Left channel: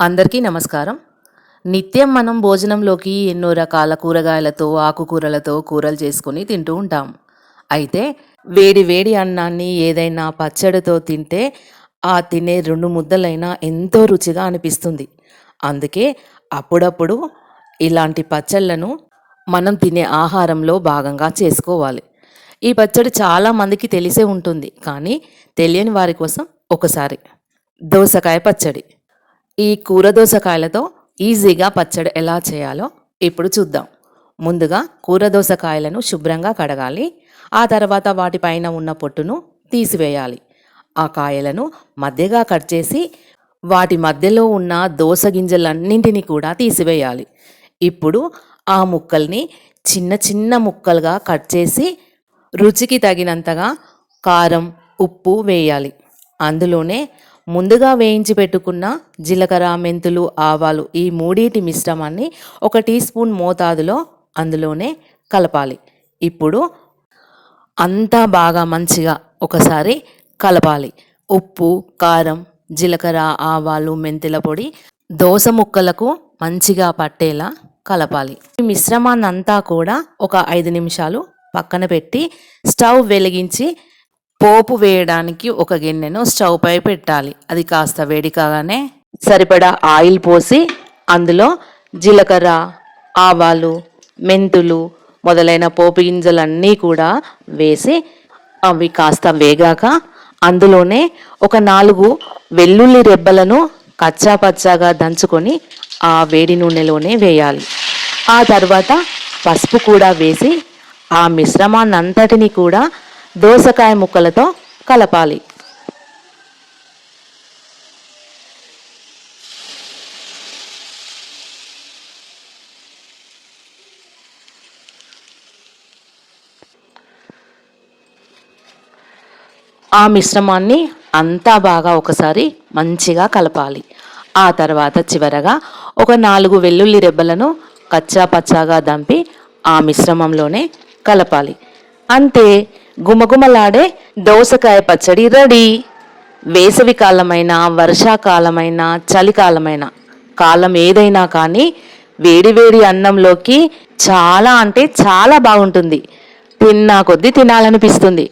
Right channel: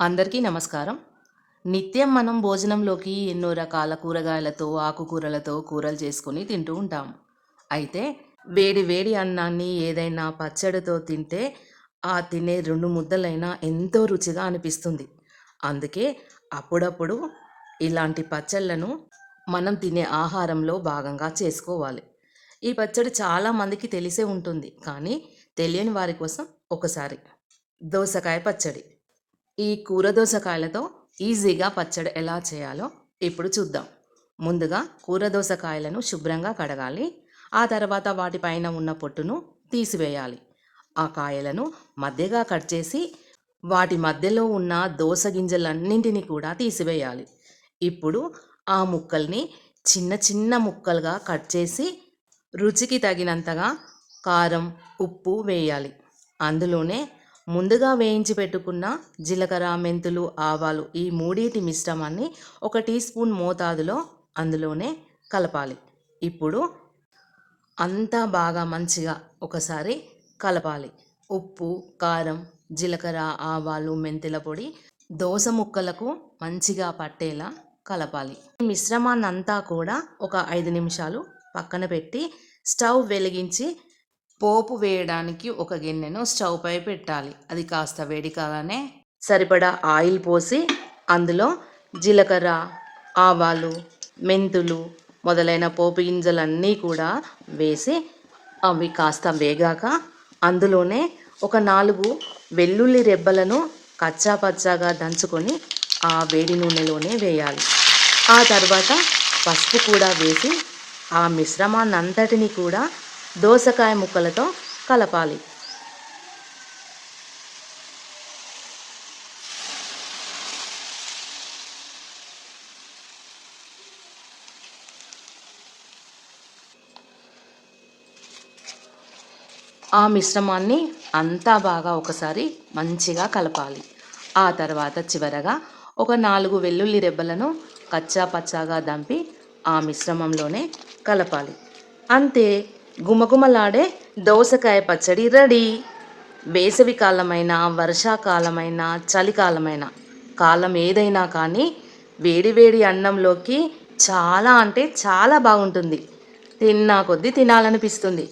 అందరికీ నమస్కారం. నిత్యం మనం భోజనంలోకి ఎన్నో రకాల కూరగాయలతో ఆకుకూరలతో కూరలు చేసుకొని తింటూ ఉంటాం. అయితే వేడి వేడి అన్నాన్ని ఏదైనా పచ్చడితో తింటే ఆ తినే రెండు ముద్దలైనా ఎంతో రుచిగా అనిపిస్తుంది. అందుకే అప్పుడప్పుడు ఇలాంటి పచ్చళ్ళను మనం తినే ఆహారంలో భాగంగా చేసుకోవాలి. ఈ పచ్చడి చాలా మందికి తెలిసే ఉంటుంది. కానీ తెలియని వారి కోసం ఒకసారి దోసకాయ పచ్చడి. ఈ కూర దోసకాయలతో ఈజీగా పచ్చడి ఎలా చేయాలో ఇప్పుడు చూద్దాం. ముందుగా కూర దోసకాయలను శుభ్రంగా కడగాలి. ఆ తర్వాత వాటిపైన ఉన్న పొట్టును తీసివేయాలి. ఆ కాయలను మధ్యగా కట్ చేసి వాటి మధ్యలో ఉన్న దోస గింజలన్నింటినీ కూడా తీసివేయాలి. ఇప్పుడు ఆ ముక్కల్ని చిన్న చిన్న ముక్కలుగా కట్ చేసి రుచికి తగినంతగా కారం ఉప్పు వేయాలి. అందులోనే ముందుగా వేయించి పెట్టుకున్న జీలకర్ర మెంతులు ఆవాలు ఈ మూడింటి మిశ్రమాన్ని ఒక టీ స్పూన్ మోతాదులో అందులోనే కలపాలి. ఇప్పుడు అంతా బాగా మంచిగా ఒకసారి కలపాలి. ఉప్పు కారం జీలకర్ర ఆవాలు మెంతుల పొడి దోస ముక్కలకు మంచిగా పట్టేలా కలపాలి. ఈ మిశ్రమాన్ని అంతా కూడా ఒక ఐదు నిమిషాలు పక్కన పెట్టి స్టవ్ వెలిగించి పోపు వేయడానికి ఒక గిన్నెను స్టవ్ పై పెట్టాలి. అది కాస్త వేడి కాగానే సరిపడా ఆయిల్ పోసి అందులో జీలకర్ర ఆవాలు మెంతులు మొదలైన పోపు గింజలన్నీ కూడా వేసి అవి కాస్త వేగాక అందులోనే ఒక నాలుగు వెల్లుల్లి రెబ్బలను కచ్చా పచ్చాగా దంచుకొని ఆ వేడి నూనెలోనే వేయాలి. ఆ తర్వాత పసుపు కూడా వేసి ఆ మిశ్రమాన్నంతటిని కూడా దోసకాయ ముక్కలతో కలపాలి. ఆ మిశ్రమాన్ని అంతా బాగా ఒకసారి మంచిగా కలపాలి. ఆ తర్వాత చివరగా ఒక నాలుగు వెల్లుల్లి రెబ్బలను కచ్చా పచ్చాగా దంపి ఆ మిశ్రమంలోనే కలపాలి. అంతే గుమగుమలాడే దోసకాయ పచ్చడి రెడీ. వేసవి కాలమైన వర్షాకాలమైన చలికాలమైన కాలం ఏదైనా కానీ వేడివేడి అన్నంలోకి చాలా అంటే చాలా బాగుంటుంది. తిన్నా కొద్దీ తినాలనిపిస్తుంది.